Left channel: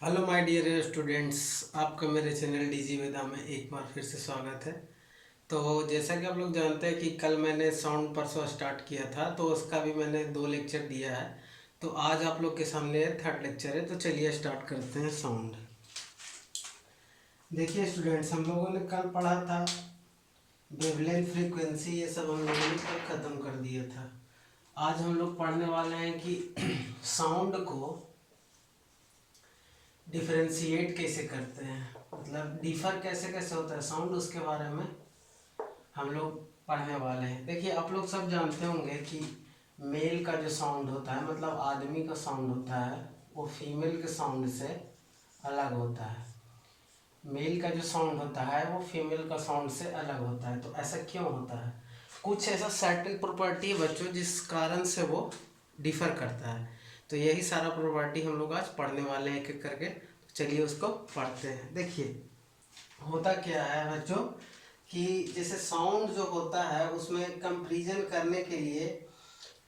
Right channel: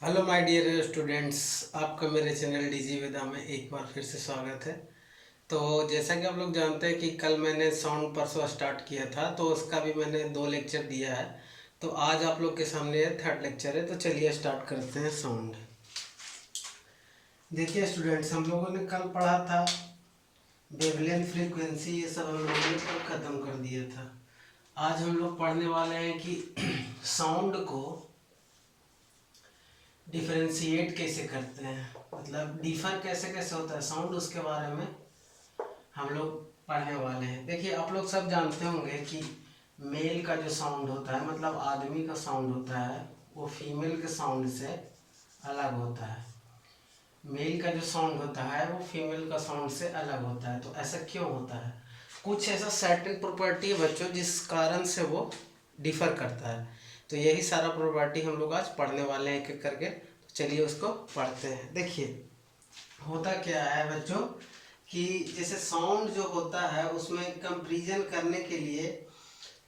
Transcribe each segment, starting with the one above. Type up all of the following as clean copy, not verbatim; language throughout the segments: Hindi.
Hello my dear students. आपका मेरे चैनल डीजी विदा में एक बार फिर से स्वागत है। तो जैसा कि आप लोग जानते हैं कि कल मैंने साउंड परसों स्टार्ट किया था, तो उसका भी मैंने 2 लेक्चर दिया है। तो आज आप लोग के सामने थर्ड लेक्चर है, तो चलिए स्टार्ट करते हैं साउंड। देखिए स्टूडेंट्स, हम लोगों ने कल पढ़ा था वेवलेंथ, फ्रीक्वेंसी, ये सब हम लोगों ने कल ख़त्म कर दिया था। आज हम लोग पढ़ने वाले हैं कि साउंड को डिफरेंशिएट कैसे करते हैं, मतलब डिफर कैसे कैसे होता है साउंड, उसके बारे में हम लोग पढ़ने वाले हैं। देखिए आप लोग सब जानते होंगे कि मेल का जो साउंड होता है, मतलब आदमी का साउंड होता है, वो फीमेल के साउंड से अलग होता है। मेल का जो साउंड होता है वो फीमेल का साउंड से अलग होता है। तो ऐसा क्यों होता है? कुछ ऐसा सर्टेन प्रॉपर्टी है बच्चों जिस कारण से वो डिफर करता है। तो यही सारा प्रॉपर्टी हम लोग आज पढ़ने वाले हैं एक एक करके। तो चलिए उसको पढ़ते हैं। देखिए होता क्या है बच्चों कि जैसे साउंड जो होता है उसमें कंपैरिजन करने के लिए,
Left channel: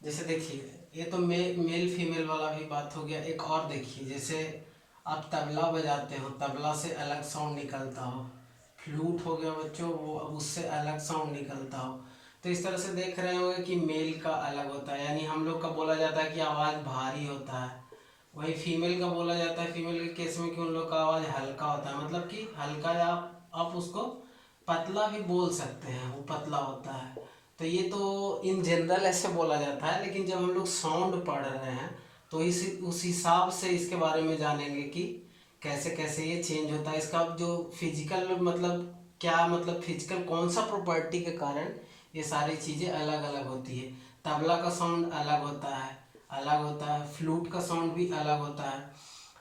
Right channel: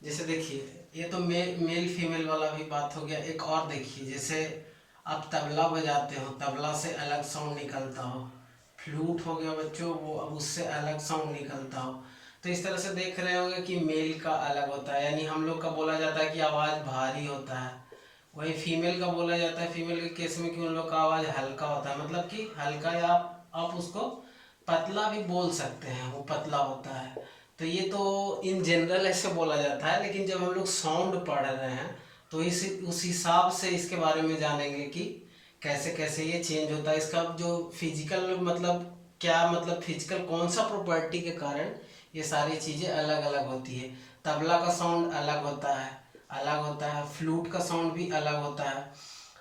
जैसे देखिए ये तो मेल फीमेल वाला भी बात हो गया। एक और देखिए, जैसे आप तबला बजाते हो, तबला से अलग साउंड निकलता हो। फ्लूट हो गया बच्चों, वो अब उससे अलग साउंड निकलता हो। तो इस तरह से देख रहे होंगे कि मेल का अलग होता है, यानी हम लोग का बोला जाता है कि आवाज़ भारी होता है। वही फीमेल का बोला जाता है, फीमेल के केस में कि उन लोग का आवाज़ हल्का होता है, मतलब कि हल्का, या आप उसको पतला भी बोल सकते हैं, वो पतला होता है। तो ये तो इन जनरल ऐसे बोला जाता है, लेकिन जब हम लोग साउंड पढ़ रहे हैं तो इस उस हिसाब से इसके बारे में जानेंगे कि कैसे कैसे ये चेंज होता है। इसका जो फिजिकल मतलब क्या, मतलब फिजिकल कौन सा प्रॉपर्टी के कारण ये सारी चीज़ें अलग अलग होती है। तबला का साउंड अलग होता है, फ्लूट का साउंड भी अलग होता है।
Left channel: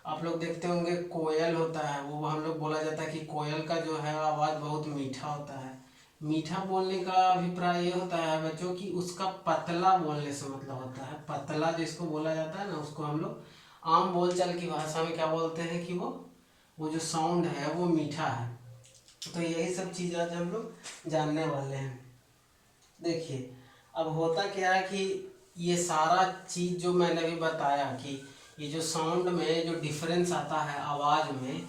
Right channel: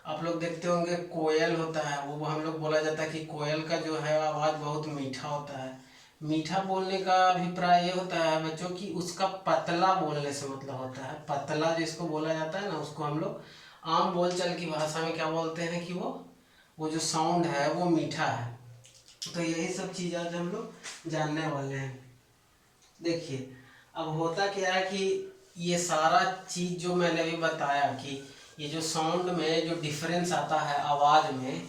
आप लोग देखते होंगे कोयल होता है, वो हम लोग बोला जाता है कि कोयल का जो है आवाज़ बहुत मीठा होता है। मीठा बोलने का अभिप्राय ये होता है बच्चों कि उसका पतला बोलने से मतलब होता है। पतला जिसको बोला जाता है ना, उसको हम लोग आम बोलचाल की भाषा में क्या बोलते हैं कि वो जो साउंड है वो मीठा है। तो यही सब चीज़ आज हम लोग जानने वाले हैं। देखिए अब होता क्या है कि ये सारा चीज़ जो मैंने अभी बताया कि ये जो साउंड में जो डिफरेंस आता है आवाज़ में,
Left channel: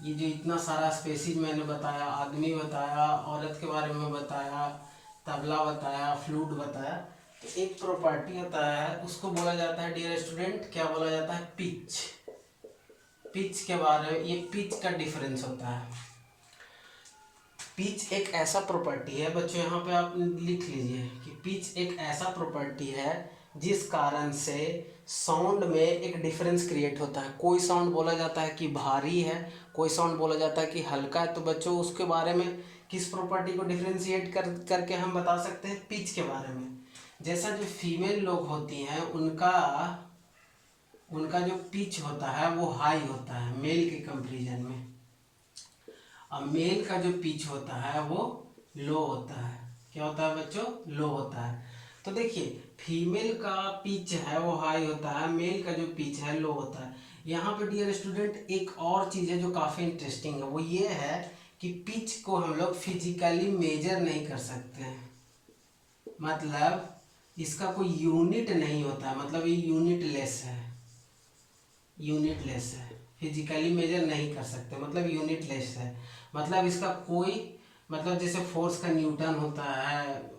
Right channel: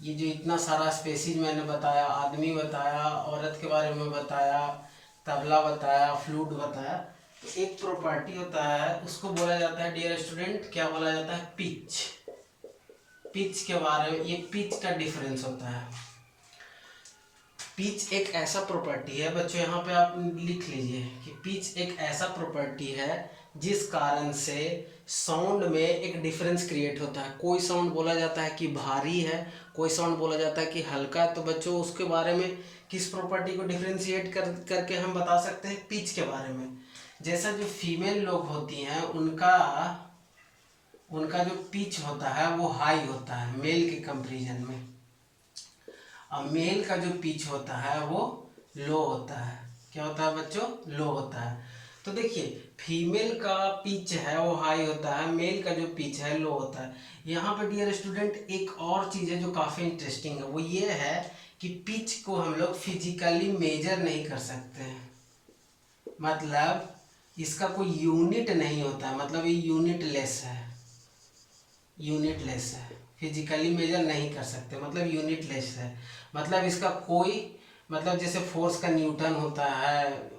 ये जो इतना सारा स्पेसीज मैंने बताया, आदमी बताया, औरत के बारे में बताया, तबला बताया, फ्लूट बताया, तो एक प्रॉपर्टी होता है उसको बोला जाता है डियर स्टूडेंट, क्या बोला जाता है? पिच। पिच के बारे में, ये पिच का डिफरेंस होता है। पिच एक ऐसा प्रॉपर्टी है बच्चों, यहाँ पे आप लिख लीजिए कि पिच एक ऐसा प्रॉपर्टी है जिस कारण से साउंड में एक डिफरेंस क्रिएट होता है। कोई साउंड बोला जाता है कि भारी है, कोई साउंड बोला जाता है कि हल्का है। तो बच्चों उसके बारे में किस प्रॉपर्टी को डिफरेंशिएट करके हम बता सकते हैं? पिच के बारे में। जैसा जो फीमेल लोग होती हैं उनका उनका जो पिच होता है वो हाई होता है मेल के कंपेरिजन में, और मेल का जो पिच होता है वो लो होता है। क्या होता है बच्चों? लो होता है। तो देखिए फीमेल का पिच है वो हाई होता है, मेल का जो पिच है लो होता है। यहाँ पे डियर स्टूडेंट एक और चीज़ है जो काफ़ी इंटरेस्टिंग है, वो ये है कि पिच को हम लोग फिजिकली मेजर नहीं कर सकते हैं। मतलब इसका कोई यूनिट नहीं होता है, मतलब ये यूनिटलेस है, यूनिटलेस है। फिजिकली मेजर नहीं कर सकते, मतलब यूनिटलेस है। मतलब इसका कोई, मतलब जैसे फोर्स का न्यूटन होता है,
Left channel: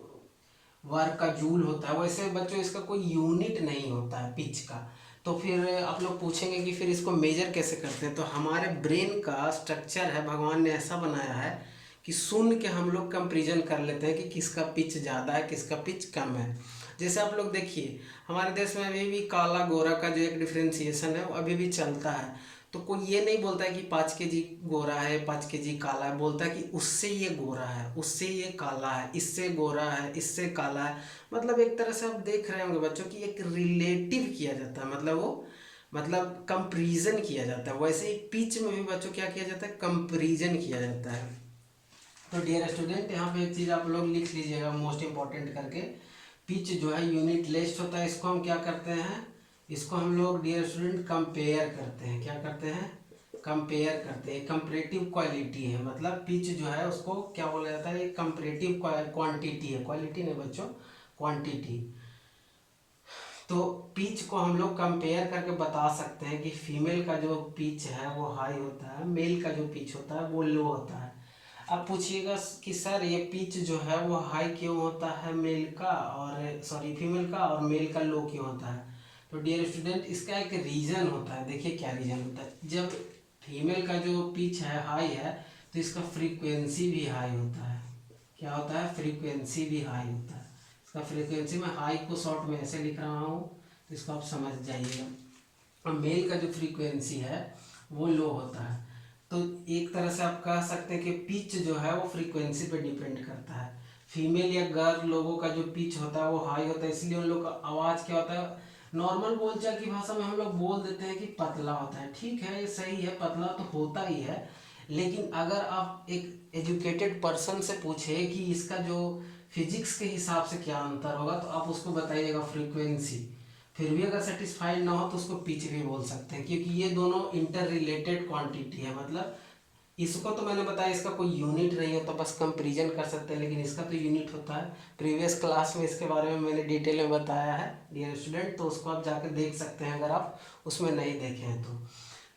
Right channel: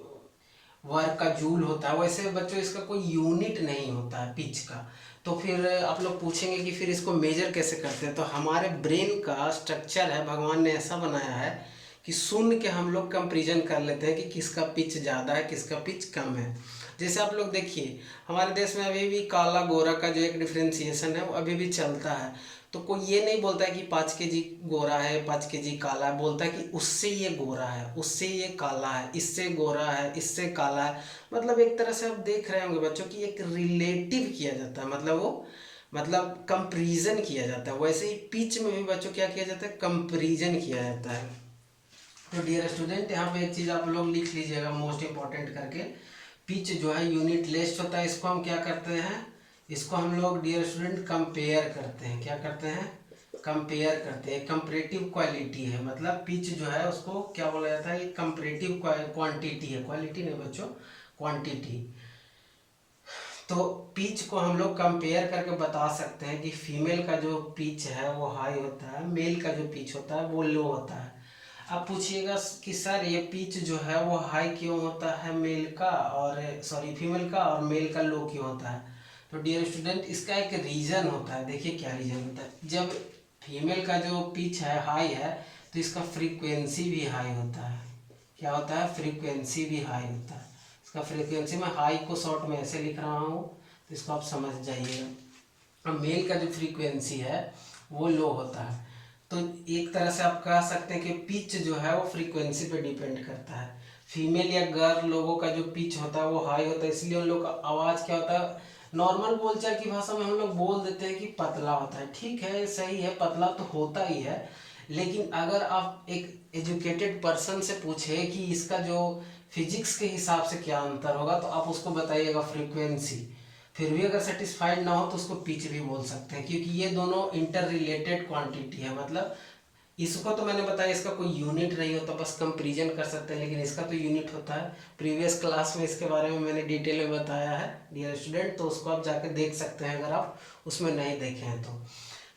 वर्क का जूल होता है, वैसे बच्चों इसका कोई यूनिट नहीं होता है पिच का। तो फिर आप लोग पूछेंगे कि फिर इसको मेजर कैसे करते हैं? तो हमारे ब्रेन का स्ट्रक्चर है, भगवान ने ऐसा बनाया है कि सुन के हम लोग कंपेरिजन कर लेते हैं कि किसका पिच ज़्यादा है, किसका पिच कम है। जैसे आप लोग देखिए हमारे देश में अभी भी काला गोरा का जो एक डिफ्रेंसिएशन है वो अभी भी चलता है। तो कोई ये नहीं बोलता है कि 5 kg गोरा है, 5 kg काला है, बोलता है कि उससे ये गोरा है, उससे ये काला है, इससे गोरा है, इससे काला है। मतलब एक तरह से आप देख रहे होंगे बच्चों कि एक रिलेटिव किया जाता है, मतलब वो मतलब कंपैरिजन किया जाता है। वैसे ही पिच में भी बच्चों क्या किया जाता है? कंपैरिजन किया जाता है। तो डियर स्टूडेंट यहाँ पे एक चीज़ आप लोग लिख लीजिएगा मोस्ट इंपॉर्टेंट करके, पिच जो है यूनिट लेस्ट होता है। इसको हम क्या करते हैं? इसको हम लोग डियर स्टूडेंट कंपेयर करते हैं। क्या करते हैं? कंपेयर करते हैं। कंपैरेटिव क्वालिटी है, मतलब पिच जो है उसको क्या बोला जाता है? एक कंपैरेटिव क्वांटिटी है, क्वालिटी नहीं बच्चों, क्वांटिटी। तो पिच को हम लोग कंपेयर करके बता सकते हैं कि फीमेल का जो पिच है वो हाई होता है, मेल का जो पिच होता है वो लो होता है। अब पूछिएगा कि सर ये पिच जो है वो हाई क्यों होता है मेल का, और सॉरी फीमेल का, और मेल का लो क्यों होता है। तो डियर स्टूडेंट, इसका एक रीज़न होता है। देखिए क्या रीज़न होता है। जब फीमेल का जो पिच है हाई है तो इसका फ्रीक्वेंसी भी हाई होता है। क्या होता है? फ्रीक्वेंसी भी हाई होता है। इसका फ्रीक्वेंसी में हाई को शॉर्ट में ऐसे लिख रहा हूँ, तो इसको आप समझ जाइएगा। अब मेल का जो फ्रीक्वेंसी है वो लो होता है। तो एक तरह से आप कह सकते हैं कि पिच जो है वो फ्रीक्वेंसी पे डिपेंड करता है। फीमेल या गर्ल लोगों का जो पिच होता है वो हाई होता है, इसलिए उन लोग का आवाज़ क्या होता है, नॉर्मल बोलचाल की भाषा में हम लोग बोल देते हैं कि पतला होता है। ठीक है, सही है, पतला तो होता ही है। लेकिन अगर आप एक एजुकेटेड पर्सन से पूछे कि इसका जो फिजिक्स के हिसाब से क्या अंतर होगा, तो आप उसको बताइएगा फ्रीक्वेंसी। फिर भी अगर सेटिस्फाइड ना हो तो उसको पिच भी बोल सकते हैं, क्योंकि ये दोनों इंटर रिलेटेड क्वांटिटी है। मतलब इसको तो मैंने बताया इसका कोई यूनिट नहीं होता, बस कंपेरिजन कर सकते हैं, लेकिन इसका तो यूनिट होता है। प्रीवियस क्लास में इसके बारे में मैंने डिटेल में बताया है डियर स्टूडेंट, तो उसको आप जाके देख सकते हैं अगर आप उसमें नहीं देखे हैं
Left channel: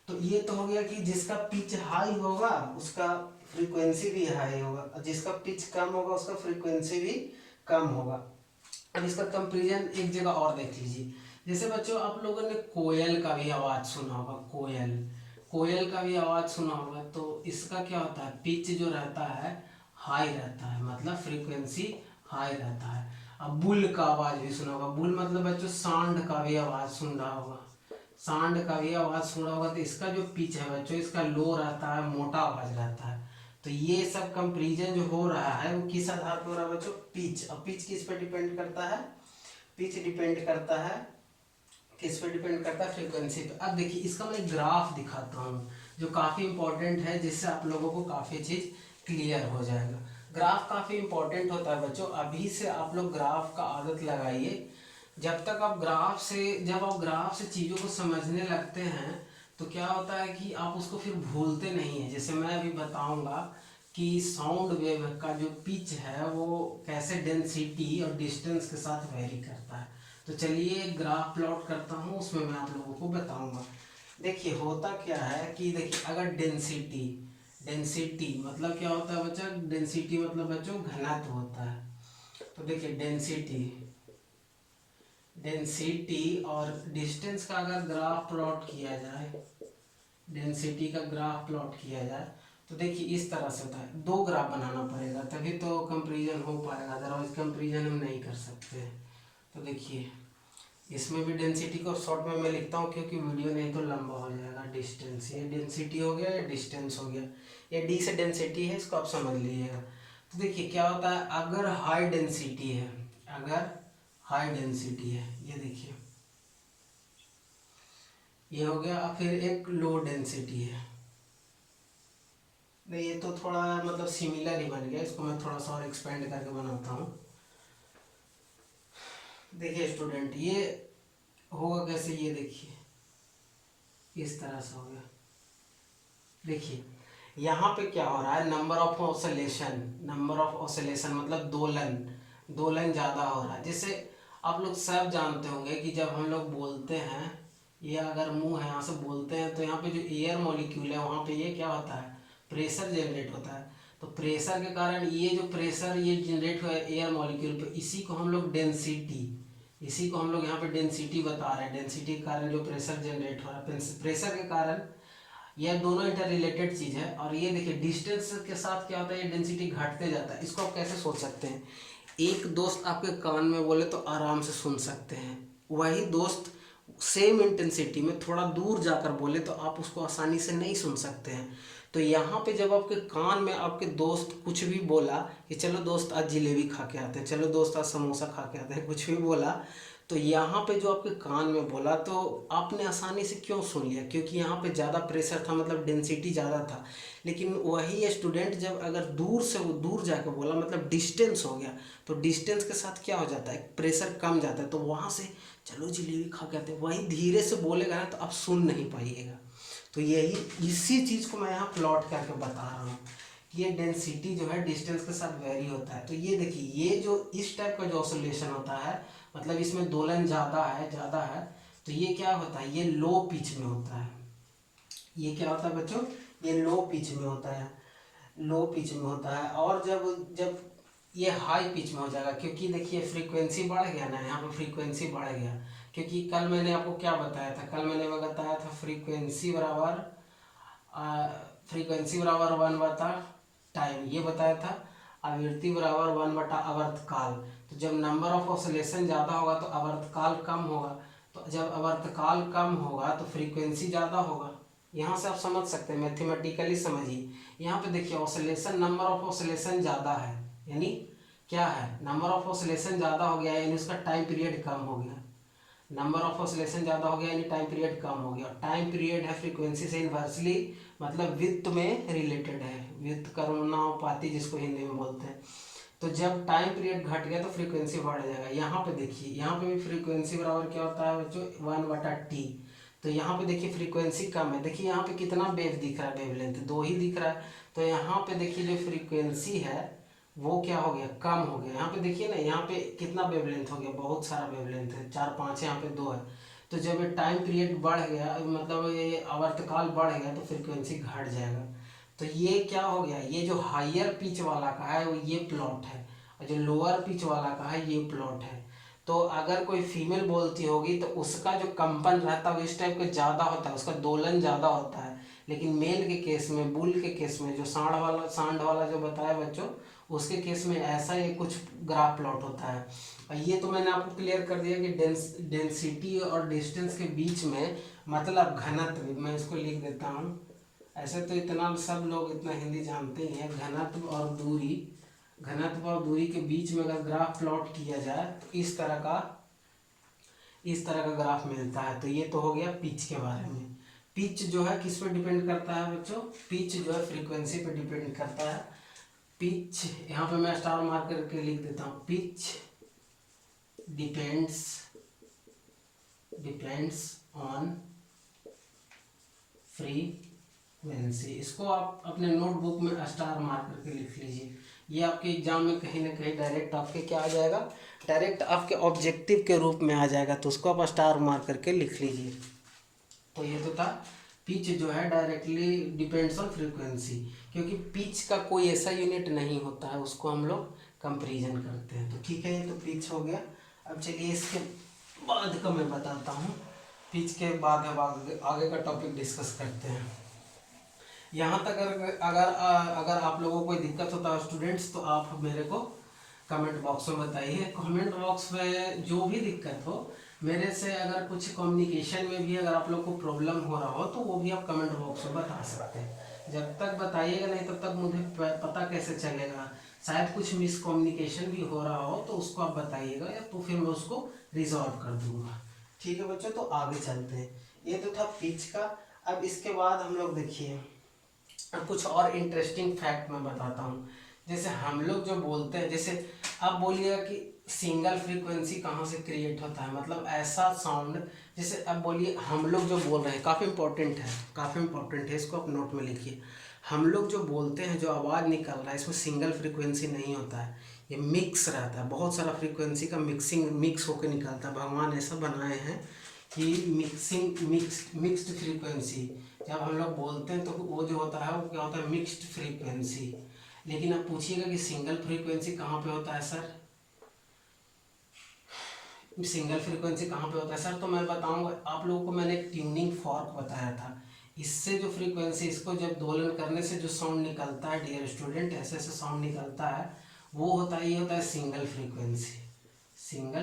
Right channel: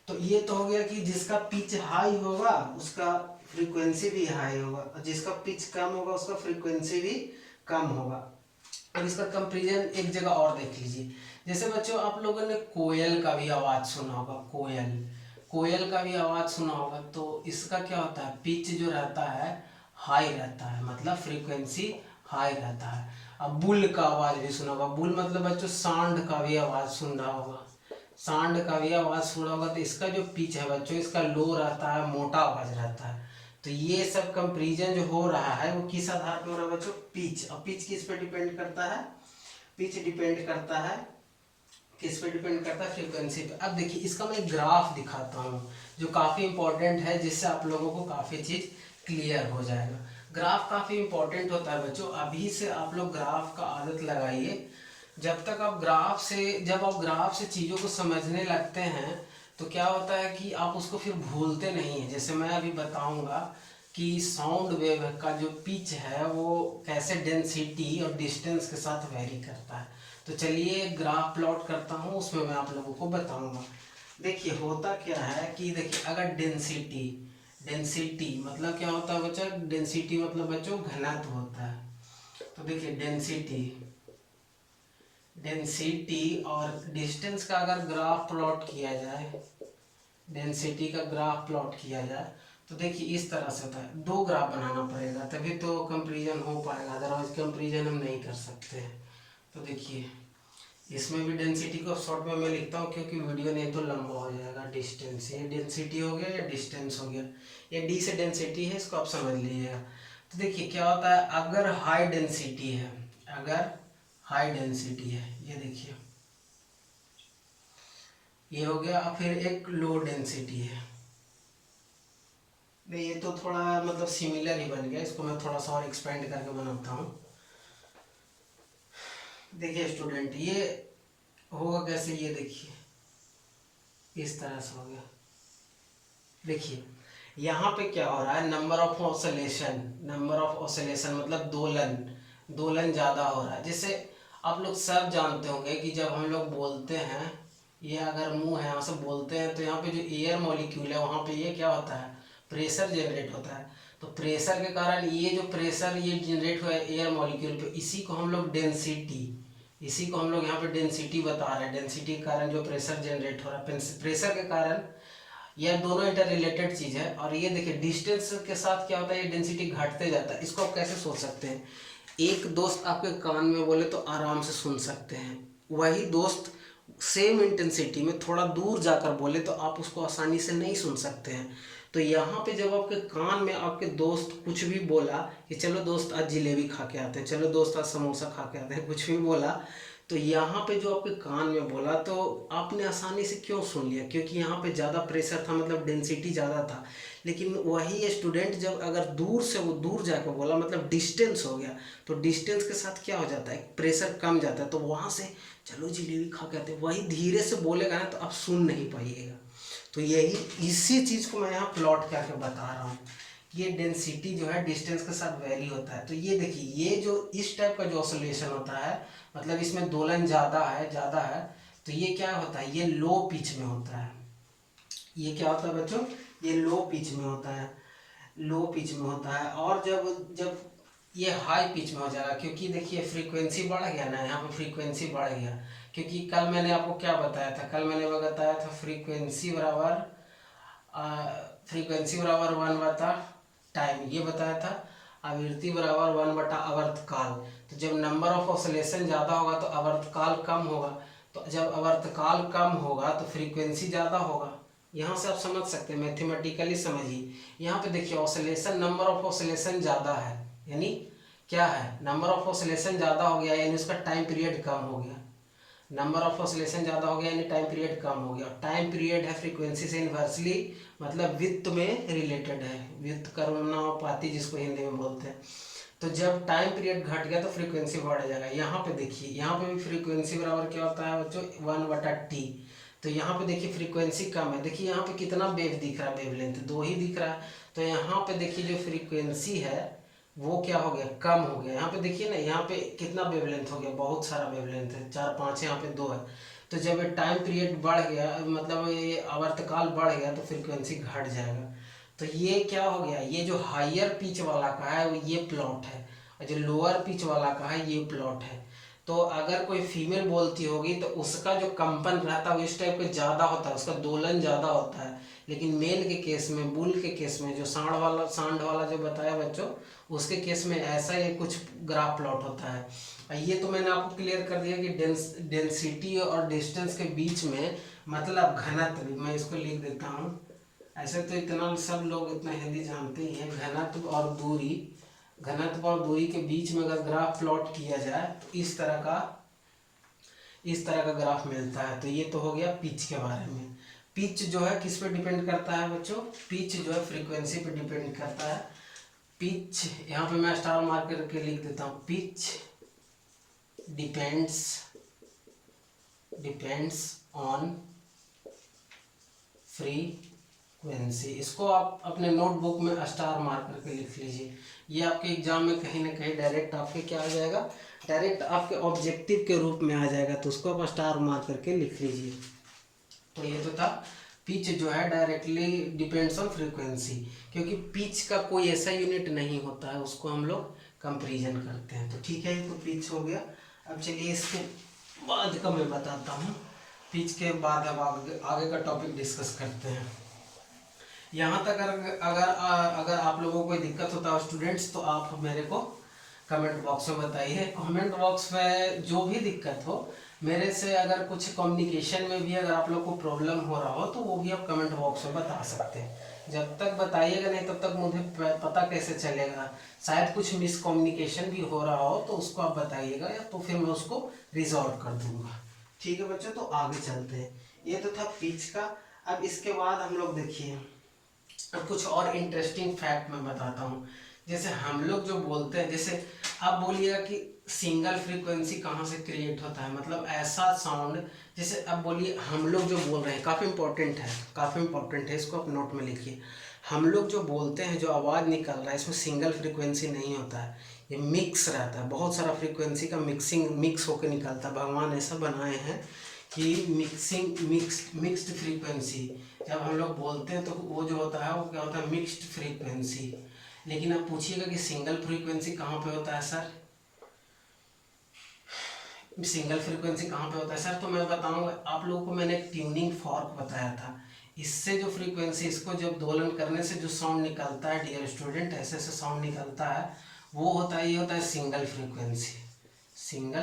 तो ये तो हो गया कि जिसका पिच हाई होगा उसका फ्रीक्वेंसी भी हाई होगा, और जिसका पिच कम होगा उसका फ्रीक्वेंसी भी कम होगा। अब इसका कंपेरिजन एक जगह और देख लीजिए। जैसे बच्चों आप लोगों ने कोयल का भी आवाज़ सुना होगा, कोयल कोयल का भी आवाज़ सुना होगा। तो इसका क्या होता है, पिच जो रहता है हाई रहता है, मतलब फ्रीक्वेंसी हाई रहता है। अब बुल का आवाज़ भी सुना होगा। बुल मतलब बच्चों सांड का भी आवाज़ सुन रहा होगा, सांड का भी आवाज़ सुना होगा। तो इसका जो पिच है बच्चों, इसका लो रहता है, मोटा आवाज़ रहता है। तो ये सब कंपेरिजन जो हो रहा है वो किस आधार पर हो रहा है बच्चों, पिच। अब पिच किस पे डिपेंड करता है, पिच डिपेंड करता है किस पे डिपेंड करता है, फ्रीक्वेंसी पे। अब देखिए इसका मैं एक ग्राफ दिखाता हूँ जो काफ़ी इंपॉर्टेंट है, जिससे आप लोगों को काफ़ी चीज़ क्लियर हो जाएगा। ग्राफ काफ़ी इंपॉर्टेंट होता है बच्चों, अभी से आप लोग ग्राफ का आदत लगाइए। जब आप ग्राफ से चीज़ों को समझने लगते हैं तो क्या होता है कि आप उसको फिर भूलते नहीं हैं। जैसे मैं अभी बताऊंगा कि साउंड वेव का जो पिच है वो कैसे डेंसिटी और डिस्टेंस के साथ वेरी करता है। तो चलिए ग्राफ प्लॉट करता हूँ, उसमें मैं आप लोगों को बताऊंगा। देखिए होता क्या है कि देखिए अगर डेंसिटी डेंसिटी मतलब क्या होता है बच्चा, डेंसिटी मतलब बच्चों घनत्व होता है। तो देखिए डेंसिटी और डिस्टेंस का अगर ग्राफ प्लॉट किया जाए, डेंसिटी का ग्राफ प्लॉट किया जाए तो देखिए इस तरह से होता है। दो ग्राफ बनाना पड़ेगा तभी तो कंपैरिजन हो पाएगा, अदरवाइज कंपैरिजन हम नहीं कर सकते हैं। तो देखिए इसमें भी डेंसिटी को शॉर्ट में मैं लिखता हूँ क्योंकि वीडियो नहीं तो लंबा हो जाएगा। डिस्टेंस, ये डेंसिटी हो गया या डिस्टेंस हो गया, ये डी से डेंसिटी है, इसको आप समझ लीजिएगा। तो देखिए क्या होता है, अगर हाई डेंसिटी है, अगर हाई डेंसिटी है, ये देखिए ये हो गया। अब फिर एक लो डेंसिटी है, ये तो थोड़ा मतलब सिमिलर ही बन गया, इसको मैं थोड़ा सा और एक्सपेंड करके बनाता हूँ। देखिए स्टूडेंट ये होगा कैसे, ये देखिए इस तरह से हो गया। देखिए यहाँ पे क्या हो रहा है, नंबर ऑफ ऑसिलेशन मतलब दोलन, दोलन ज़्यादा हो रहा है। जैसे आप लोग सब जानते होंगे कि जब हम लोग बोलते हैं या अगर मुंह है यहाँ से बोलते हैं तो यहाँ पे जो एयर मॉलिक्यूल है वहाँ पे ये क्या होता है, प्रेशर जनरेट होता है। तो प्रेशर के कारण ये जो प्रेशर ये जनरेट हुआ है एयर मॉलिक्यूल पे, इसी को हम लोग डेंसिटी, इसी को हम लोग यहाँ पे डेंसिटी बता रहे हैं। डेंसिटी के कारण जो प्रेशर जनरेट हो रहा है, प्रेशर के कारण, यह दोनों इंटर रिलेटेड चीज़ है। और ये देखिए डिस्टेंस के साथ क्या होता है, ये डेंसिटी घटते जाता है। इसको आप कैसे सोच सकते हैं, एक दोस्त आपके कान में बोले तो आराम से सुन सकते हैं, वही दोस्त सेम इंटेंसिटी में थोड़ा दूर जाकर बोले तो आप उसको आसानी से नहीं सुन सकते हैं। तो यहाँ पे जब आपके कान में आपके दोस्त कुछ भी बोला कि चलो दोस्त आज जलेबी खा के आते हैं, चलो दोस्त आज समोसा खा के आते हैं, कुछ भी बोला, तो यहाँ पे जो आपके कान में बोला तो आपने आसानी से क्यों सुन लिया, क्योंकि यहाँ पे ज़्यादा प्रेशर था, मतलब डेंसिटी ज़्यादा था। लेकिन वही स्टूडेंट जब अगर दूर से वो दूर जाकर बोला, मतलब डिस्टेंस हो गया, तो डिस्टेंस के साथ क्या हो जाता है, प्रेशर कम जाता है, तो वहाँ से चलो जलेबी खा के आते हैं, वही धीरे से बोलेगा ना तो आप सुन नहीं पाइएगा। तो यही इसी चीज़ को मैं यहाँ प्लॉट करके बता रहा हूँ। ये डेंसिटी जो है डिस्टेंस के साथ वेरी होता है। तो ये देखिए ये जो इस टाइप का जो ऑसिलेशन होता है मतलब इसमें दोलन ज़्यादा है, तो ये क्या होता है, ये लो पिच में होता है। ये क्या होता है बच्चों, ये लो पिच में होता है, लो पिच में होता है। और जब जब ये हाई पिच में हो जाएगा, क्योंकि देखिए फ्रीक्वेंसी बढ़ गया ना, यहाँ पे फ्रीक्वेंसी बढ़ गया, क्योंकि कल मैंने आपको क्या बताया था, कल मैंने बताया था फ्रीक्वेंसी बराबर 1 बटा टाइम, ये बताया था। आवृत्ति बराबर 1 बटा आवर्तकाल। तो जब नंबर ऑफ ऑसिलेशन ज़्यादा होगा तो आवर्तकाल कम होगा, तो जब आवर्तकाल कम होगा तो फ्रीक्वेंसी ज़्यादा होगा। यहाँ से आप समझ सकते हैं, मैथमेटिकली समझिए। यहाँ पे देखिए ऑसिलेशन, नंबर ऑफ ऑसिलेशन ज़्यादा है, यानी क्या है, नंबर ऑफ ऑसिलेशन ज़्यादा हो गया यानी उसका टाइम पीरियड कम हो गया। नंबर ऑफ ऑसिलेशन ज़्यादा हो गया यानी टाइम पीरियड कम हो गया। टाइम पीरियड है फ्रीक्वेंसी से इन्वर्सली, मतलब वित्त में रिलेटेड है, व्युत्क्रमानुपाती करुणापाती जिसको हिंदी में बोलते हैं। तो जब टाइम पीरियड घट गया तो फ्रीक्वेंसी बढ़ जाएगा। यहाँ पे देखिए, यहाँ पे भी फ्रीक्वेंसी बराबर क्या होता है बच्चों, 1/t। तो यहाँ पे देखिए फ्रीक्वेंसी कम है, देखिए यहाँ पे कितना वेव दिख रहा है, वेवलेंथ 2 ही दिख रहा है। तो यहाँ पे देखिए जो फ्रीक्वेंसी है वो क्या हो गया, कम हो गया। यहाँ पे देखिए ना, यहाँ पे कितना वेवलेंथ हो गया, बहुत सारा वेवलेंथ है, 4 5 यहाँ पे 2 है। तो जब ये टाइम पीरियड बढ़ गया, मतलब ये आवर्तकाल बढ़ गया तो फ्रीक्वेंसी घट जाएगा। तो ये क्या हो गया, ये जो हायर पिच वाला का है वो ये प्लॉट है, और जो लोअर पिच वाला का है ये प्लॉट है। तो अगर कोई फीमेल बोलती होगी तो उसका जो कंपन रहता है वो इस टाइप का ज़्यादा होता है, उसका दोलन ज़्यादा होता है। लेकिन मेल के केस में, बुल के केस में, जो सांड वाला जो बताया बच्चों, उसके केस में ऐसा ये कुछ ग्राफ प्लॉट होता है। और ये तो मैंने आपको क्लियर कर दिया कि डेंसिटी और डिस्टेंस के बीच में, मतलब घनत्व, मैं इसको लिख देता हूँ। ऐसे तो इतना सब लोग इतना हिंदी जानते ही हैं, घनत्व और दूरी के बीच में अगर ग्राफ प्लॉट किया जाए तो इस तरह का ग्राफ मिलता है। तो ये तो हो गया पिच के बारे में। पिच जो है किस पे डिपेंड करता है बच्चों, पिच जो है फ्रीक्वेंसी पे डिपेंड करता है। पिच यहाँ पे मैं स्टार मार्क करके लिख देता हूँ, पिच डिपेंड्स ऑन फ्रीक्वेंसी। इसको आप अपने नोटबुक में स्टार मार्क करके लिख लीजिए। ये आपके एग्जाम में कहीं ना कहीं डायरेक्ट आपके क्या आ जाएगा, डायरेक्ट आपके ऑब्जेक्टिव के रूप में आ जाएगा, तो उसको आप स्टार मार्क करके लिख लीजिए। तो ये तो था, पिच जो है डायरेक्टली डिपेंड्स ऑन फ्रीक्वेंसी, क्योंकि पिच का कोई ऐसा यूनिट नहीं होता है, उसको हम लोग कंपेरिजन करते हैं। तो ठीक है, ये तो पिच हो गया। अब चलिए इसके बाद का मैं बताता हूँ, पिच के बाद अब आगे का टॉपिक डिस्कस करते हैं। यहाँ तक अगर आप लोगों को कोई दिक्कत होता है स्टूडेंट्स, तो आप मेरे को कमेंट बॉक्स में बताइए। कमेंट बॉक्स में जो भी दिक्कत हो, मेरे से अगर कुछ कम्युनिकेशन में भी अगर आप लोग को प्रॉब्लम हो रहा हो तो वो भी आप कमेंट बॉक्स में बता सकते हैं। जब तक बताइएगा नहीं तब तक मुझे पता कैसे चलेगा, शायद कुछ मिसकम्युनिकेशन भी हो रहा हो तो उसको आप बताइएगा, या तो फिर मैं उसको रिजॉल्व कर दूंगा। ठीक है बच्चों, तो आगे चलते हैं। ये तो था पिच का। अब इसके बाद हम लोग देखिए, अब कुछ और इंटरेस्टिंग फैक्ट मैं बताता हूँ। जैसे हम लोग जो बोलते हैं, जैसे आप बोलिएगा कि सिंगल फ्रीक्वेंसी कहाँ से क्रिएट होता है, मतलब ऐसा साउंड, जैसे अब बोलिए हम लोग जो बोल रहे हैं, काफ़ी इंपॉर्टेंट है, इसको आप नोट में लिखिए। हम लोग जो बोलते हैं, जो आवाज़ निकल रहा है, इसमें सिंगल फ्रीक्वेंसी नहीं होता है, ये मिक्स रहता है, बहुत सारा फ्रीक्वेंसी का मिक्स होकर निकलता है। भगवान ऐसा बनाए हैं कि मिक्स्ड फ्रीक्वेंसी, जब हम लोग बोलते हैं तो वो जो होता है वो क्या होता है, मिक्स्ड फ्रीक्वेंसी। लेकिन आप पूछिएगा कि सिंगल फ्रीक्वेंसी कहाँ पे होता है सर, सिंगल फ्रीक्वेंसी कहाँ पे होता है सर, तो मैं बताऊंगा आप लोगों को। मैंने एक ट्यूनिंग फॉर्क बताया था, इससे जो फ्रीक्वेंसी, इसको जब दोलन करने से जो साउंड निकलता है डियर स्टूडेंट, ऐसे ऐसे साउंड निकलता है, वो होता है, ये होता है सिंगल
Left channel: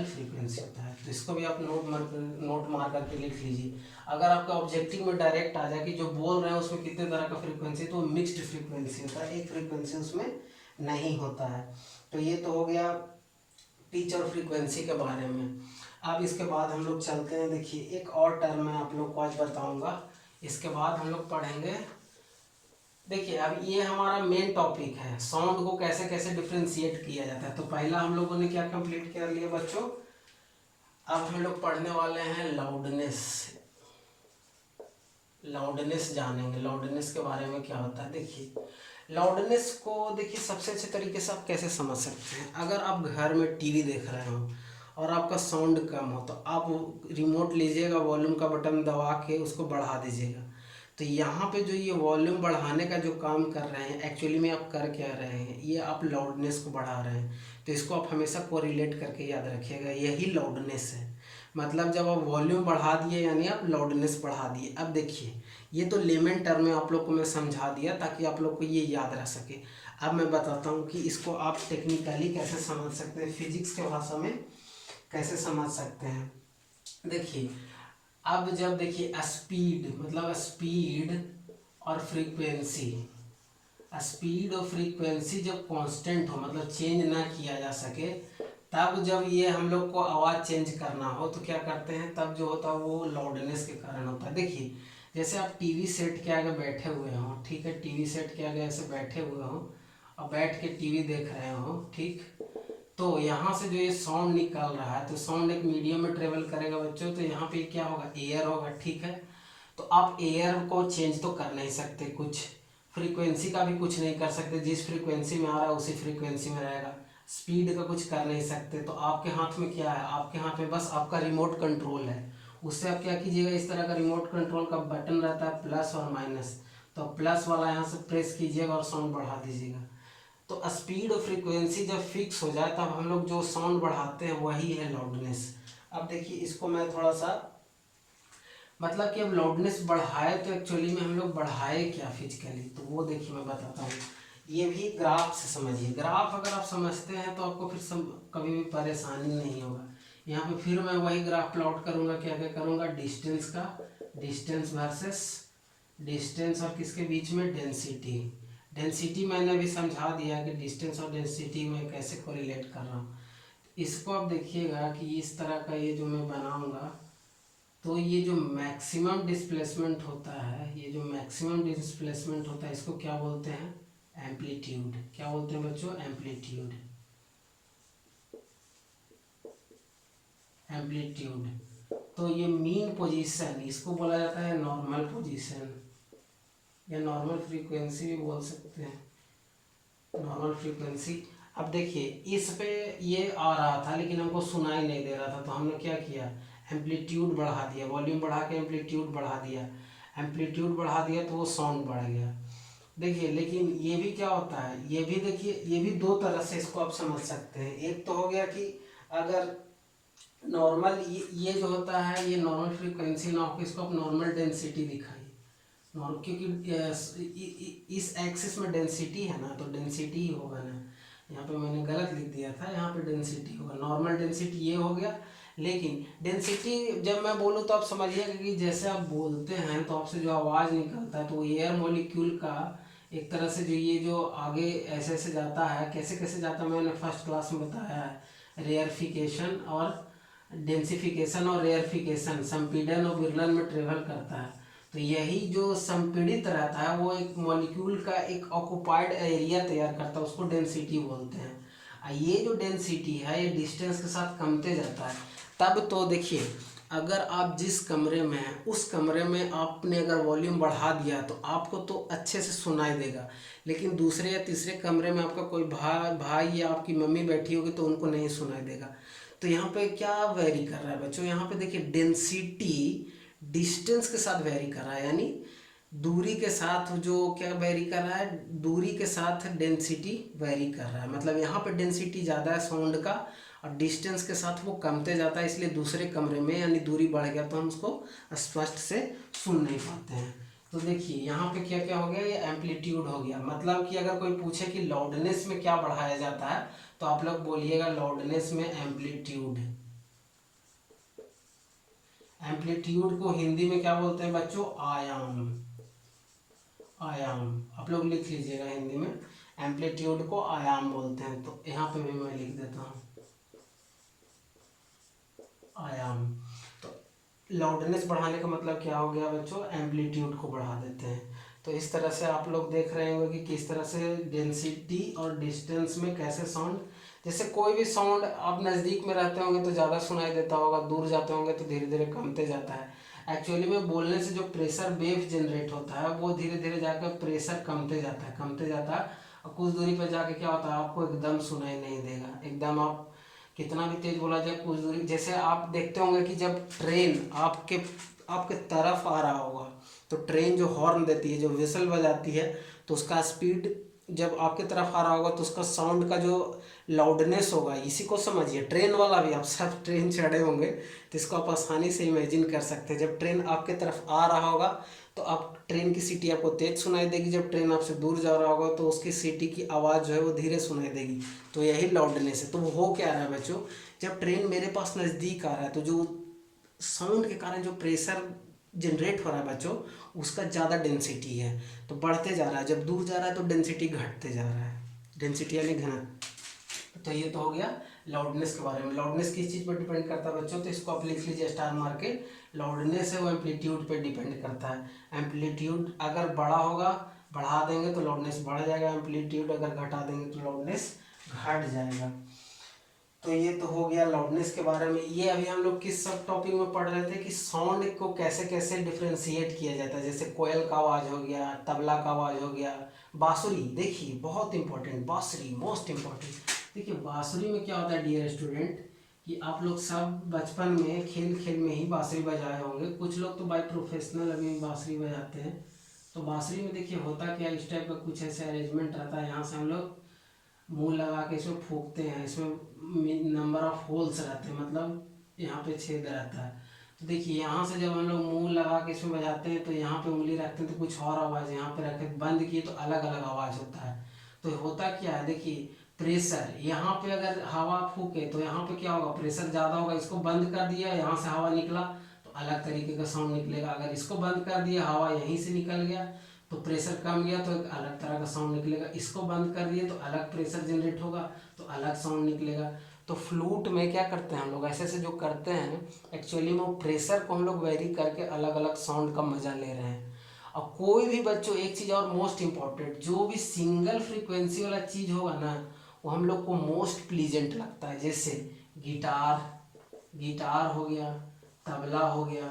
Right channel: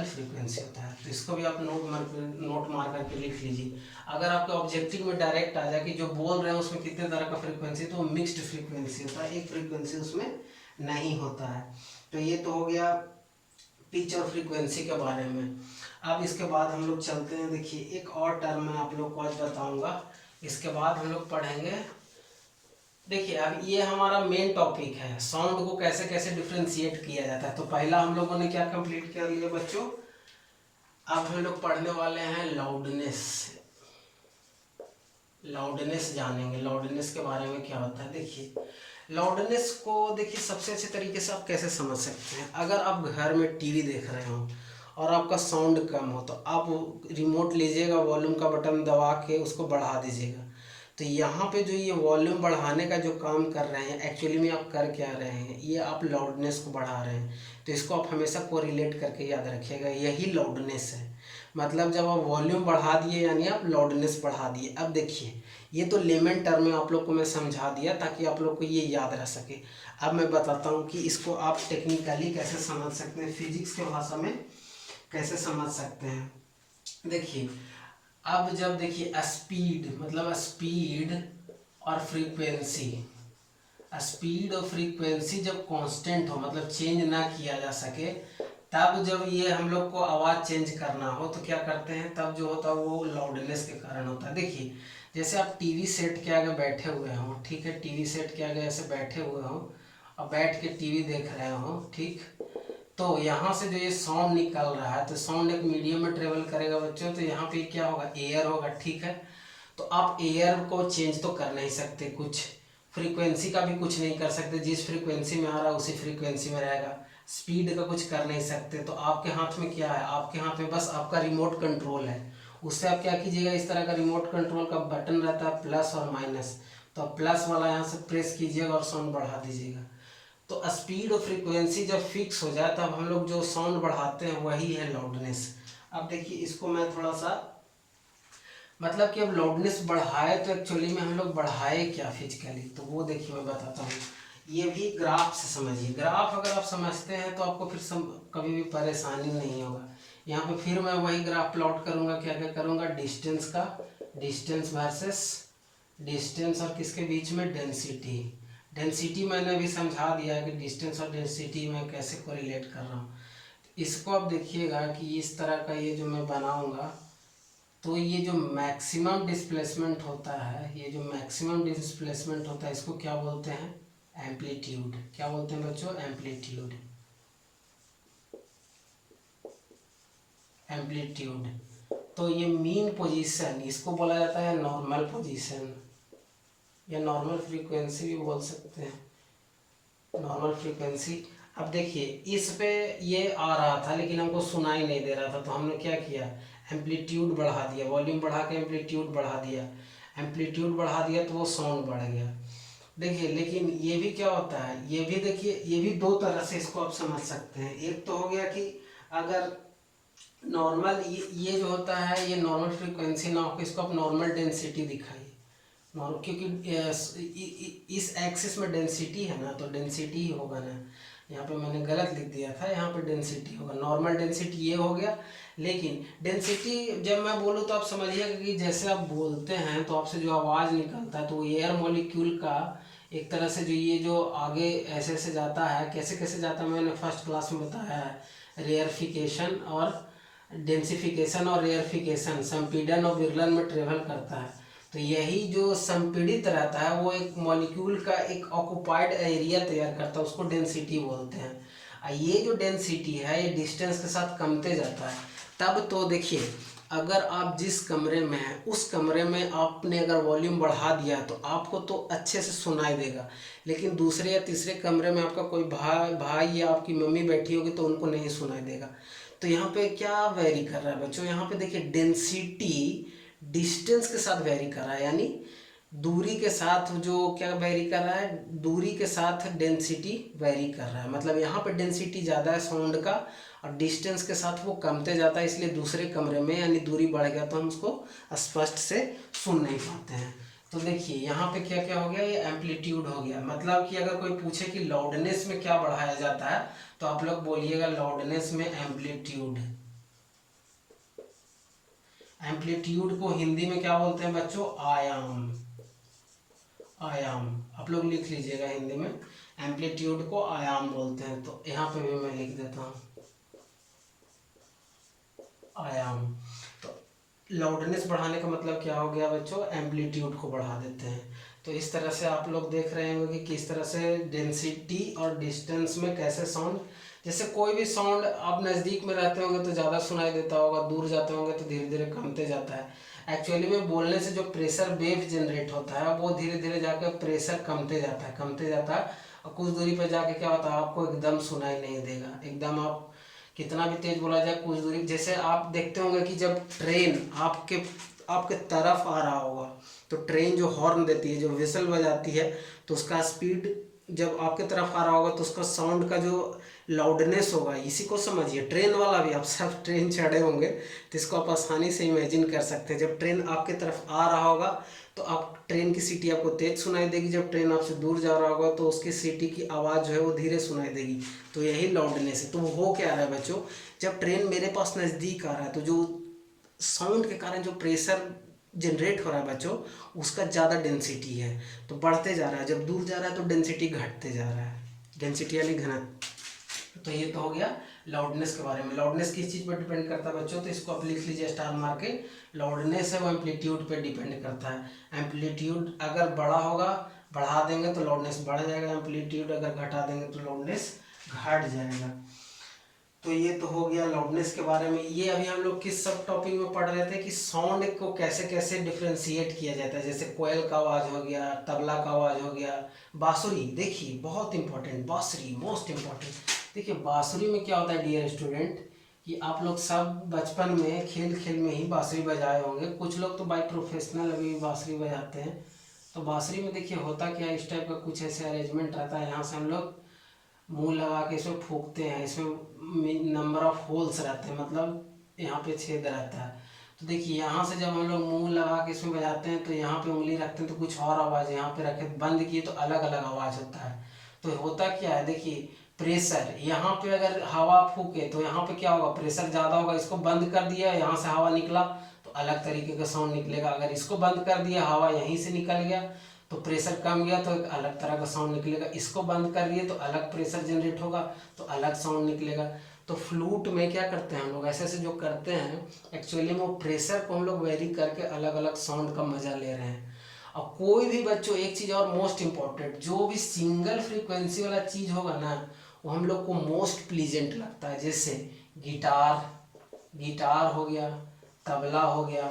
फ्रीक्वेंसी होता है। तो इसको भी आप नोट मार करके लिख लीजिए। अगर आपके ऑब्जेक्टिव में डायरेक्ट आ जाए कि जो बोल रहे हैं उसमें कितने तरह का फ्रीक्वेंसी, तो मिक्स्ड फ्रीक्वेंसी होता है, एक फ्रीक्वेंसी उसमें नहीं होता है। तो ये तो हो गया पिच और फ्रीक्वेंसी के बारे में। अब इसके बाद हम लोग चलते हैं, देखिए एक और टर्म मैं आप लोग को आज बताऊंगा, इसके बाद हम लोग पढ़ेंगे। देखिए अब ये हमारा मेन टॉपिक है, साउंड को कैसे कैसे डिफ्रेंशिएट किया जाता है। तो पहला हम लोगों ने क्या कंप्लीट कर लिया बच्चों, अब हम लोग पढ़ने वाले हैं लाउडनेस जानेंगे, लाउडनेस के बारे में क्या होता है। देखिए लाउडनेस को देखिए सबसे अच्छे तरीके से आप कैसे समझ सकते हैं, अगर आप घर में टीवी देख रहे हो और आपका साउंड कम हो, तो आप रिमोट लीजिएगा, वॉल्यूम का बटन दबा के उसको बढ़ा दीजिएगा। तो यहाँ पे जो ये वॉल्यूम बढ़ाने का जो काम कर रहे हैं, एक्चुअली में आप कर क्या रहे हैं, ये आप लाउडनेस को बढ़ा रहे हैं। तो इसको आप हमेशा कोरिलेट करके याद रखिएगा, यही लाउडनेस है। मतलब जब आप वॉल्यूम बढ़ा दिए यानी आप लाउडनेस बढ़ा दिए। अब देखिए, ये तो लेमन टर्म में आप लोग को मैं समझा दिया ताकि आप लोग को ये याद रह सके। अब मैं बताता हूँ कि इसको आप टेक्निकली कैसे समझ सकते हैं, फिजिक्स के भाषा में कैसे समझ सकते हैं। देखिए, अब जब देखिए स्पीड, मतलब स्पीड और फ्रीक्वेंसी, स्पीड और फ्रीक्वेंसी जब कांस्टेंट हो, मतलब चेंज ना किया जा सके, तब जब ये हम लोग को आवाज़ चेंज करना हो तो क्या करते हैं, तब जो होता है वो लाउडनेस के कारण होता है। देखिए, जैसे आप टीवी सेट के आगे बैठे हुए हो, ठीक है, टीवी सेट के आगे ऐसे बैठे हुए हो और बैठ के टीवी देख रहे हो, ठीक, तो यहाँ से जो ये साउंड निकल रहा है, तो साउंड एक मीडियम में ट्रेवल करेगा बच्चों, तो यहाँ पे क्या होगा, एयर होगा, ठीक है। तो आप एयर को चेंज तो कर नहीं सकते, कुछ फ्रीक्वेंसी का भी कुछ नहीं कर सकते, जिस फ्रीक्वेंसी में आ रहा है उसी फ्रीक्वेंसी में रहेगा। स्पीड का कुछ कर नहीं सकते, तो आपके हाथ में क्या है, आपके हाथ में बस आपका रिमोट कंट्रोल है। उससे आप क्या कीजिएगा, इस तरह का रिमोट कंट्रोल का बटन रहता है प्लस और माइनस, तो प्लस वाला यहाँ से प्रेस कीजिएगा और साउंड बढ़ा दीजिएगा। तो स्पीड और फ्रीक्वेंसी जब फिक्स हो जाए तब हम लोग जो साउंड बढ़ाते हैं वही है लाउडनेस। अब देखिए, इसको मैं थोड़ा सा, मतलब कि अब लाउडनेस बढ़ाए तो एक्चुअली में हम लोग बढ़ाए क्या फिजिकली, तो वो देखिए मैं बताता हूँ। ये भी ग्राफ से समझिए, ग्राफ अगर आप समझते हैं तो आपको फिर कभी भी परेशानी नहीं होगा। यहाँ पे फिर मैं वही ग्राफ प्लॉट करूँगा, क्या क्या करूँगा, डिस्टेंस का, डिस्टेंस वर्सेस डिस्टेंस और किसके बीच में, डेंसिटी। डेंसिटी मैंने अभी समझा दिया है कि डिस्टेंस और डेंसिटी मैं कैसे कोरिलेट कर रहा हूँ। इसको आप देखिएगा कि इस तरह का ये जो मैं बनाऊँगा, तो ये जो मैक्सिमम डिस्प्लेसमेंट होता है, ये जो मैक्सिमम डिस्प्लेसमेंट होता है, इसको क्या बोलते हैं, एम्पलीट्यूड। क्या बोलते हैं बच्चों, एम्पलीट्यूड। एम्पलीट्यूड। तो ये मीन पोजीशन, इसको बोला जाता है नॉर्मल पोजीशन, या नॉर्मल फ्रीक्वेंसी भी बोल सकते हैं, नॉर्मल फ्रीक्वेंसी। अब देखिए, इस पे ये आ रहा था लेकिन हमको सुनाई नहीं दे रहा था, तो हमने क्या किया, एम्पलीट्यूड बढ़ा दिया, वॉल्यूम बढ़ा के एम्पलीट्यूड बढ़ा दिया, एम्पलीट्यूड बढ़ा दिया तो वो साउंड बढ़ गया। देखिए, लेकिन ये भी क्या होता है, ये भी देखिए, ये भी दो तरह से इसको आप समझ सकते हैं। एक तो हो गया कि अगर नॉर्मल ये जो होता है, ये नॉर्मल फ्रीक्वेंसी ना हो, इसको आप नॉर्मल डेंसिटी दिखाइए, क्योंकि इस एक्सिस में डेंसिटी है ना, तो डेंसिटी ही होगा ना। यहाँ पे मैंने गलत लिख दिया था, यहाँ पे डेंसिटी होगा, नॉर्मल डेंसिटी ये हो गया। लेकिन डेंसिटी जब मैं बोलूँ तो आप समझिएगा कि जैसे आप बोलते हैं तो आपसे जो आवाज़ निकलता है, तो एयर मॉलिक्यूल का एक तरह से जो ये जो आगे ऐसे ऐसे जाता है, कैसे कैसे जाता है मैंने फर्स्ट क्लास में बताया है, रेयरफिकेशन और डेंसिफिकेशन और रेयरफिकेशन, संपीड़न और विरलन में ट्रेवल करता है। तो यही जो संपीड़ित रहता है वो एक मॉलिक्यूल का एक ऑक्युपाइड एरिया तैयार करता है, उसको डेंसिटी बोलते हैं। ये जो डेंसिटी है ये डिस्टेंस के साथ कमते जाता है। तब तो देखिए, अगर आप जिस कमरे में हैं उस कमरे में आपने अगर वॉल्यूम बढ़ा दिया तो आपको तो अच्छे से सुनाई देगा, लेकिन दूसरे या तीसरे कमरे में आपका कोई भाई या आपकी मम्मी बैठी होगी तो उनको नहीं सुनाई देगा। तो यहाँ पे क्या वेरी कर रहा है बच्चों, यहाँ पे देखिए डेंसिटी डिस्टेंस के साथ वेरी कर रहा है, यानी दूरी के साथ जो क्या वेरी कर रहा है, दूरी के साथ डेंसिटी वेरी कर रहा है। मतलब यहाँ पे डेंसिटी ज़्यादा है साउंड का और डिस्टेंस के साथ वो कमते जाता है, इसलिए दूसरे कमरे में यानी दूरी बढ़ गया तो हम उसको स्पष्ट से सुन नहीं पाते हैं। तो देखिए, यहाँ पे क्या क्या हो गया, ये एम्पलीट्यूड हो गया। मतलब कि अगर कोई पूछे कि लाउडनेस में क्या बढ़ाया जाता है तो आप लोग बोलिएगा लाउडनेस में एम्पलीट्यूड। एम्पलीट्यूड को हिंदी में क्या बोलते हैं बच्चों, आयाम। आयाम आप लोग लिख लीजिएगा, हिंदी में एम्पलीट्यूड को आयाम बोलते हैं। तो यहाँ पे भी मैं लिख देता हूँ आयाम। तो लाउडनेस बढ़ाने का मतलब क्या हो गया बच्चों, एम्पलीट्यूड को बढ़ा देते हैं। तो इस तरह से आप लोग देख रहे होंगे कि किस तरह से डेंसिटी और डिस्टेंस में कैसे साउंड, जैसे कोई भी साउंड आप नज़दीक में रहते होंगे तो ज़्यादा सुनाई देता होगा, दूर जाते होंगे तो धीरे धीरे कमते जाता है। एक्चुअली में बोलने से जो प्रेशर वेव जनरेट होता है वो धीरे धीरे जाकर प्रेशर कमते जाता है, कमते जाता है, और कुछ दूरी पर जाके क्या होता है, आपको एकदम सुनाई नहीं देगा, एकदम आप कितना भी तेज बोला जाए कुछ दूरी, जैसे आप देखते होंगे कि जब ट्रेन आपके आपके तरफ आ रहा होगा तो ट्रेन जो हॉर्न देती है, जो विसल बजाती है, तो उसका स्पीड जब आपके तरफ आ रहा होगा तो उसका साउंड का जो लाउडनेस होगा, इसी को समझिए। ट्रेन वाला भी, आप सब ट्रेन चढ़े होंगे तो इसको आप आसानी से इमेजिन कर सकते हैं। जब ट्रेन आपके तरफ आ रहा होगा तो आप ट्रेन की सीटी आपको तेज सुनाई देगी, जब ट्रेन आपसे दूर जा रहा होगा तो उसकी सीटी की आवाज़ जो है वो धीरे सुनाई देगी। तो यही लाउडनेस है। तो वो हो क्या रहा है बच्चों, जब ट्रेन मेरे पास नज़दीक आ रहा है तो जो साउंड के कारण जो प्रेशर जनरेट हो रहा है बच्चों, उसका ज़्यादा डेंसिटी है तो बढ़ते जा रहा है। जब दूर जा रहा है तो डेंसिटी घटते जा रहा है, डेंसिटी यानी घनत्व। तो ये तो हो गया लाउडनेस के बारे में। लाउडनेस किस चीज़ पर डिपेंड करता है बच्चों, तो इसको आप लिख लीजिए स्टार मार के। लाउडनेस है वो एम्पलीट्यूड पे डिपेंड करता है। एम्पलीट्यूड अगर बड़ा होगा, बढ़ा देंगे तो लाउडनेस बढ़ जाएगा, एम्पलीट्यूड अगर घटा देंगे तो लाउडनेस घट जाएगा। तो ये तो हो गया लाउडनेस के बारे में। ये अभी हम लोग किस सब टॉपिक में पढ़ रहे थे कि साउंड को कैसे कैसे डिफ्रेंशिएट किया जाता है। जैसे कोयल का आवाज़ हो गया, तबला का आवाज़ हो गया, बांसुरी। देखिए बहुत इंपॉर्टेंट, बांसुरी मोस्ट इंपॉर्टेंट। देखिए बांसुरी में क्या होता है डियर स्टूडेंट, कि आप लोग सब बचपन में खेल खेल में ही बांसुरी बजाए होंगे, कुछ लोग तो बाय प्रोफेशनल अभी बांसुरी बजाते हैं। तो बांसुरी में देखिए होता क्या, इस टाइप का कुछ ऐसे अरेंजमेंट रहता है। यहाँ से हम लोग मुंह लगा के इसमें फूंकते हैं, इसमें नंबर ऑफ होल्स रहते हैं, मतलब यहाँ पे छेद रहता है। तो देखिए यहाँ से जब हम लोग मुंह लगा के इसमें बजाते हैं तो यहाँ पे उंगली रखते हैं तो कुछ और आवाज़, यहाँ पे रखे बंद किए तो अलग अलग आवाज़ होता है। तो होता क्या है, देखिए प्रेशर यहाँ पे अगर हवा फूके तो यहाँ पे क्या होगा, प्रेशर ज़्यादा होगा। इसको बंद कर दिया, यहाँ से हवा निकला तो अलग तरीके का साउंड निकलेगा। अगर इसको बंद कर दिया, हवा यहीं से निकल गया तो प्रेशर कम गया तो एक अलग तरह का साउंड निकलेगा। इसको बंद कर दिए तो अलग प्रेशर जनरेट होगा तो अलग साउंड निकलेगा। तो फ्लूट में क्या करते हैं हम लोग, ऐसे ऐसे जो करते हैं एक्चुअली में वो प्रेशर को हम लोग वेरी करके अलग अलग साउंड का मजा ले रहे हैं। और कोई भी बच्चों एक चीज़ और मोस्ट इम्पॉर्टेंट, जो भी सिंगल फ्रीक्वेंसी वाला चीज़ होगा ना वो हम लोग को मोस्ट प्लीजेंट लगता है। जैसे गिटार हो गया, तबला हो गया,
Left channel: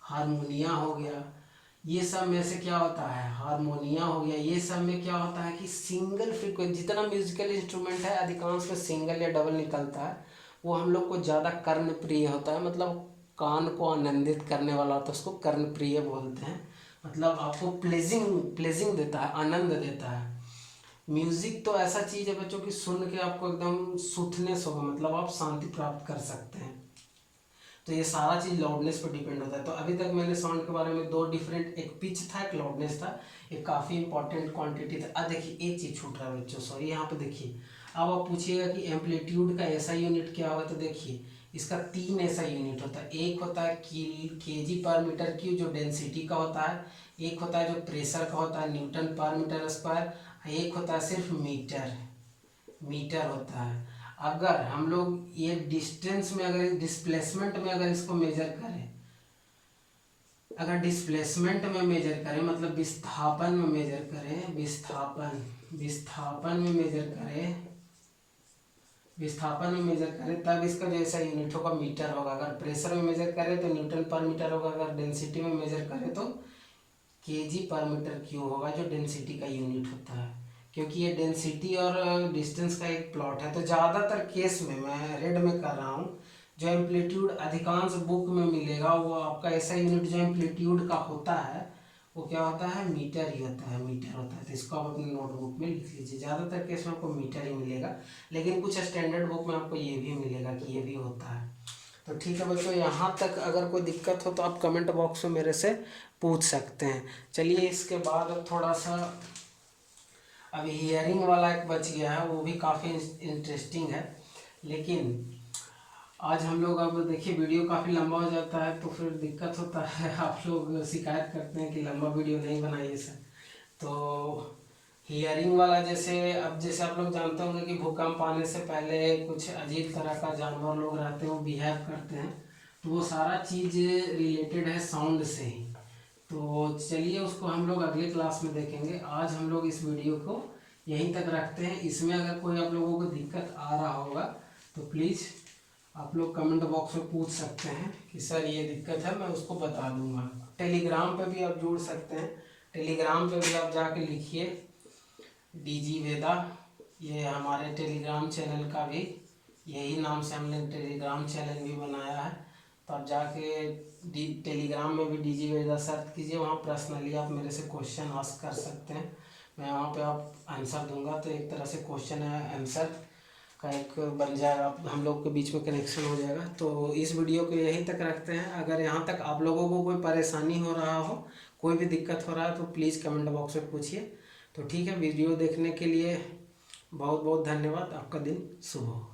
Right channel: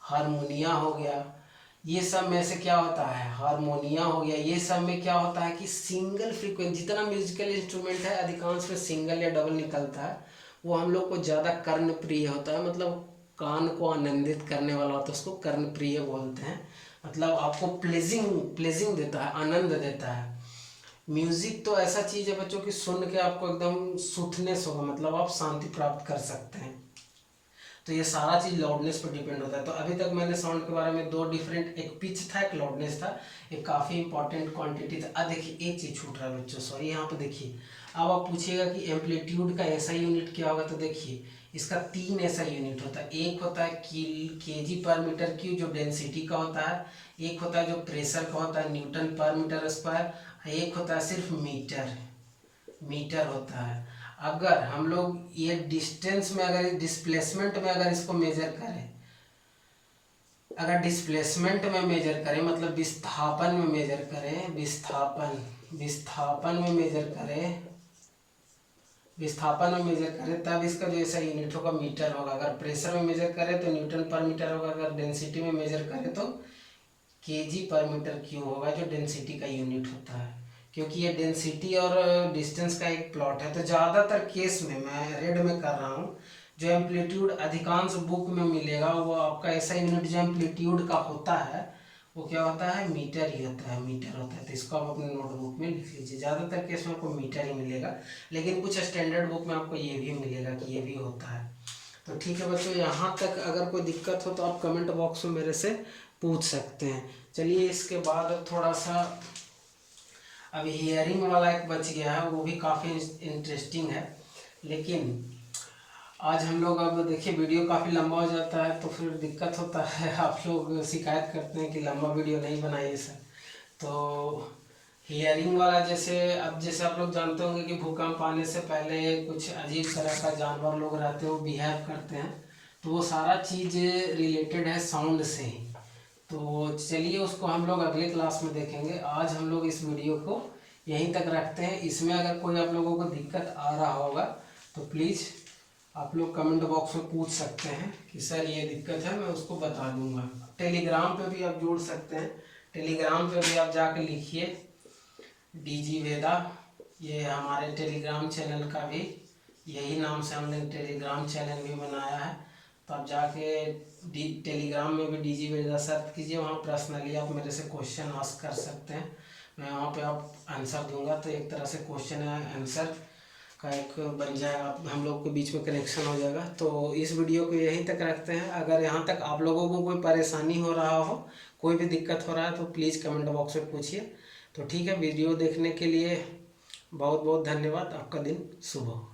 हारमोनिया हो गया, ये सब में से क्या होता है, हारमोनिया हो गया, ये सब में क्या होता है कि सिंगल फ्रीक्वेंसी, जितना म्यूजिकल इंस्ट्रूमेंट है अधिकांश में सिंगल या डबल निकलता है, वो हम लोग को ज़्यादा कर्णप्रिय होता है। मतलब कान को आनंदित करने वाला होता है, उसको कर्णप्रिय बोलते हैं। मतलब आपको प्लेजिंग देता है, आनंद देता है। म्यूजिक तो ऐसा चीज़ है बच्चों की सुन के आपको एकदम सूथनेस होगा, मतलब आप शांति प्राप्त कर सकते हैं। तो ये सारा चीज़ लाउडनेस पर डिपेंड होता है। तो अभी तक मैंने साउंड के बारे में दो डिफरेंट, एक पिच था एक लाउडनेस था, एक काफ़ी इंपॉर्टेंट क्वांटिटी था। अब देखिए एक चीज़ छूट रहा है बच्चों, सॉरी, यहाँ पे देखिए। अब आप पूछिएगा कि एम्पलीट्यूड का ऐसा यूनिट क्या होगा, तो देखिए इसका 3 ऐसा यूनिट होता है। एक होता है केजी पर मीटर क्यूब जो डेंसिटी का होता है, एक होता है जो प्रेशर का होता है न्यूटन पर मीटर स्क्वायर, एक होता है सिर्फ मीटर होता है। अगर हम लोग ये डिस्टेंस में, अगर डिस्प्लेसमेंट में अगर इसको मेजर करें, अगर डिस्प्लेसमेंट में मेजर करें मतलब विस्थापन में मेजर करें, विस्थापन में मेजर करें तब इसका जो ऐसा यूनिट होगा मीटर होगा। अगर प्रेशर में मेजर करें तो न्यूटन पर मीटर होगा, अगर डेंसिटी में मेजर करें तो केजी पर मीटर क्यूब होगा जो डेंसिटी का यूनिट होता है। क्योंकि ये डेंसिटी और डिस्टेंस का एक प्लॉट है। तो ज़्यादातर केस में मैं रेड में कर रहा हूँ, जो एम्पलीट्यूड अधिकांश बुक में मिलेगा वो आपका ऐसा यूनिट जो एम्पलीट्यूड का होता है वो क्या होता है, मीटर ही होता है, मीटर होता है। तो इसको आप अपने नोटबुक में लिख लीजिए। ज़्यादातर केस में आपको मीटर ही मिलेगा, लेकिन कुछ स्टैंडर्ड बुक में आपको ये भी मिलेगा कि ये भी होता है। तो ठीक है बच्चों, यहाँ तक अगर कोई दिक्कत हो तो आप कमेंट बॉक्स में मेरे से पूछ सकते हैं। चलिए इसके बाद अब थोड़ा सा अभी हियरिंग वाला एक बच गया है, वो भी काफ़ी इंटरेस्टिंग है। लेकिन आज हम लोग, अब देखिए वीडियो काफ़ी लंबा हो जाता है तो फिर दिक्कत होता है, आप लोग शिकायत करते हैं कि लंबा वीडियो नहीं बनाइए सर। तो हियरिंग वाला, जैसे आप लोग जानते होंगे कि भूकंप आने से पहले कुछ अजीब तरह का जानवर लोग रहते हैं, वो बिहेव करते हैं। तो वो सारा चीज़ रिलेटेड है साउंड से ही। तो चलिए उसको हम लोग अगले क्लास में देखेंगे। आज हम लोग इस वीडियो को यहीं तक रखते हैं। इसमें अगर कोई आप लोगों को दिक्कत आ रहा होगा तो प्लीज़ आप लोग कमेंट बॉक्स में पूछ सकते हैं कि सर ये दिक्कत है, मैं उसको बता दूंगा। टेलीग्राम पे भी आप जुड़ सकते हैं, टेलीग्राम पे भी आप जाके लिखिए DG वेदा, ये हमारे टेलीग्राम चैनल का भी यही नाम से हमने टेलीग्राम चैनल भी बनाया है। तो आप जाके टेलीग्राम में भी डीजी वेदा सर्च कीजिए, वहाँ पर्सनली आप मेरे से क्वेश्चन आस्क कर सकते हैं, मैं वहाँ पे आप आंसर दूंगा। तो एक तरह से क्वेश्चन है आंसर का एक बन जाएगा, हम लोग के बीच में कनेक्शन हो जाएगा। तो इस वीडियो को यहीं तक रखते हैं। अगर यहाँ तक आप लोगों को कोई परेशानी हो रहा हो, कोई भी दिक्कत हो रहा है, तो प्लीज़ कमेंट बॉक्स में पूछिए। तो ठीक है, वीडियो देखने के लिए बहुत बहुत धन्यवाद। आपका दिन शुभ हो।